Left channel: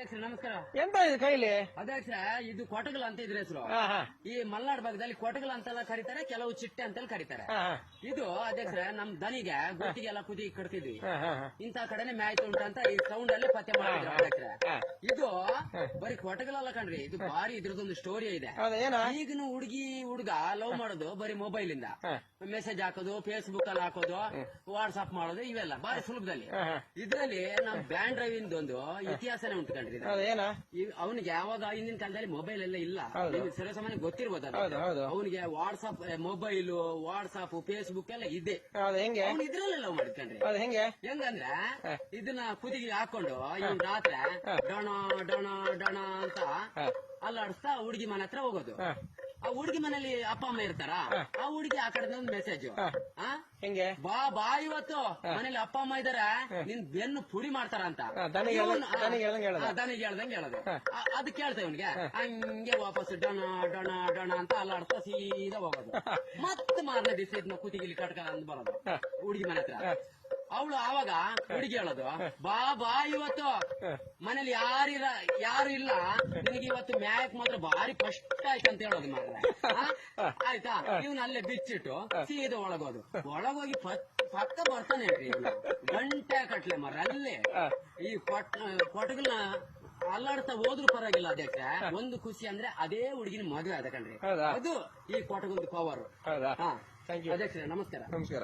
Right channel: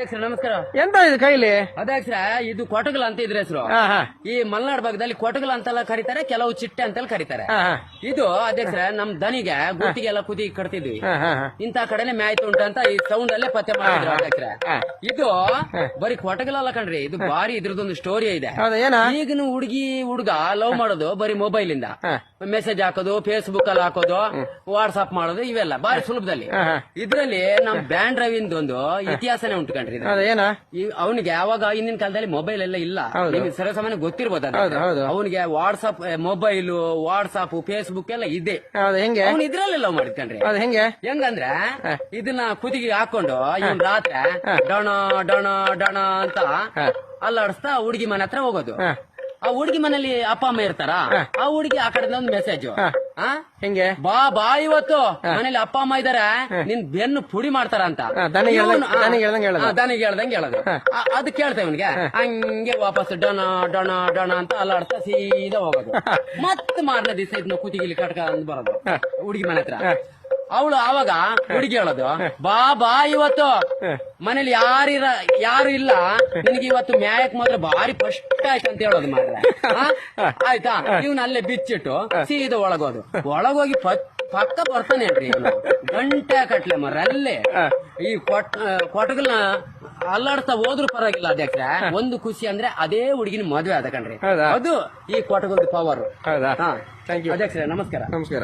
ನಮಸ್ಕಾರ. ಎಂತ ಇದು ಕೈಲಿ? ಅಧ್ಯಕ್ಷರ ಇದು ಕೊಟಗಲ ಅಂತ ಇದ್ರ ಹೆಸರು. ಈ ಮಲೆನಾಡು ಭಾಗದಲ್ಲಿ ಕೊಟಗಲ ಅಂತೆಲ್ಲ ಕರೀತಾರೆ, ಕೆಲವು ಚಿಟ್ಟೆ ಅಂತೆಲ್ಲ ಕರೀತಾರೆ. ಇದು ಅಧ್ಯಕ್ಷರ ನಮ್ ದನಿಗೆ ಗುತ್ತಿಗೆಲ್ಲ ಕುದಿ ಕಟ್ತಿದ್ವಿ. ಇಂತ ಕಡೆನೆ ಮ್ಯಾಯ್ತು ಉಂಟ ಅಂತ ಈ ಸೌಂಡ್ ಅಲ್ಲೇ ಪತ್ತೆ ಮಾಡಿದ್ರು ಅಧ್ಯಕ್ಷರ. ಇದು ಬರೀ ಕೊಟಗಲ ಅಲ್ಲ ಕಣ್ರಿ, ಇದು ಬಾರಿ ಇದ್ರದೊಂದು ಸ್ಟೋರಿ ಇದೆ. ಈಗಿನ ಹುಡುಗ ಲವ್ ಮಾಡೋದು ಬರೀ ಮೊಬೈಲ್ ಇಂದ ಮೆಸೇಜ್ ಹಾಕೋದು, ಫೇಸ್ಬುಕ್ ಅಲ್ಲಿ ಹಾಕೋದು, ವಾಟ್ಸ್ಆಪ್ ಮಾಡೋದು, ಇವೆಲ್ಲ ಬಾರಿ ಸುಲಭದಲ್ಲಿ. ಇದ್ರಲ್ಲಿ ನಮ್ ಬ್ಯಾಂಡ್ ರವಿಂದ ಒಂದು ಇತಿಹಾಸನೇ ಉಂಟು ಕಣ್ರಿ. ಅವನಿಗೆ ಅವಾಗ ಹಿಂದಿನ ಕಾಲದಲ್ಲಿ ಮೊಬೈಲ್ ಎಲ್ಲ ಇಲ್ಲ, ನಿಮ್ಗೆ ಸರ್ವಸಾಮಾನ್ಯ ಗೊತ್ತಿರ್ಬೋದು. ಅವನಿಗೆ ವಾಟ್ಸ್ಆಪ್ ಫೇಸ್ಬುಕ್ ಎಲ್ಲ ಇದೆ. ಅವ್ನು ಇದ್ರಲ್ಲೇ ಲವ್ ಮಾಡಿದ್ಕಂಡ್ರಿ. ಹೆಂಗಂದ್ರೆ ಇದನ್ನ ಕುದಿಗೆ ಹಾಕೊಂಡು ಇವನ್ ರಾತ್ರಿ ಡಣ ಡಣ ಡಣ ಅಂತ ಅಲ್ಲಾಡಿಸ್ತಾ ಹುಡುಗಿ ಮನೆ ಹತ್ರ ಹೋಗೋದು. ಆ ಹುಡುಗಿ ಮನೇಲಿ ಅಪ್ಪ ಅಮ್ಮ ಇರ್ತಾರ, ಆ ಹುಡುಗಿ ಆ ಕಡೆ ಒಂದು ಮೆಸೇಜ್ ಹೆಂಗೆ ಬಾ ಇವತ್ತು ಮನೇಲಿ ಅಪ್ಪ ಅಮ್ಮ ಇದಾರೆ, ನಿನ್ ಬೆನ್ನು ಪುಡಿ ಮಾಡ್ತಾರ ಅಂತ ದನಿಗೆ ಹೇಳ್ದಂಗೆ ಹೇಳೋದು. ಅದು ಕೇಳ್ತೇವೆ ಇವನ್ಗೆ, ಹಂಗೆ ವಾಪಸ್ ಡಣ ಡಣ ಡಣ ಅಂತ ಅಲ್ಲಾಡ್ತಾ ಸೀದಾ ಹೋಗೋದು. ಮತ್ತೆ ಮಾರನೇ ದಿವಸ ಇದನ್ನ ಕುತಿಗಿಲಿ ಕಟ್ಕ ಅಂದ್ ಬರೋದು ಹುಡುಗಿ ಮನೆ ಹತ್ರ. ಅವಳು ಆವಾಗ ಹುಡುಗಿ ಹೇಳೋದು, ಬಾ ಇವತ್ತು ಮನೇಲಿ ಯಾರು ಇಲ್ಲ, ನಿನಗೆ ಇವತ್ತು ಮ್ಯಾಯಕ್ ಮಾತ್ರ ಬಾರಿ ಫಸ್ಟ್ ಆಯ್ತು ಅಂತ ಹೇಳೋದು ಮಾರ್ರೆ. ಆಯ್ತಾ, ಇವ್ನ ಅಲ್ಲೇ ಬಿಚ್ಚಿಟ್ಟು ಸೀದಾ ಒಳಗೋದು. ಒಳಗೋಗಿ ಪಕ್ಕ ಬರ್ತಾನೆ ಅನ್ರಿ ಗಂಟೆ ಕಟ್ಲೆ ಮರ ಅಲ್ಲೇ ಈ ಕೊಟಗಲ್ನ ಅಲ್ಲಾಡ್ತಾ ಹೋದ್ರು ಪರವಾಗಿಲ್ಲ ಅಧ್ಯಕ್ಷ. ಒಂದು ಖುಷಿ ಅಂದ್ರೆ ಅದೇ ಹುಡುಗಿನ ಮದುವೆ ಆದ ಕಣ್ರಿ. ಅದು ಈ ಕೊಟಗಲ್ದ ಪವರ್. ಅಧ್ಯಕ್ಷ ನಮಸ್ಕಾರ. ನಮಸ್ಕಾರ.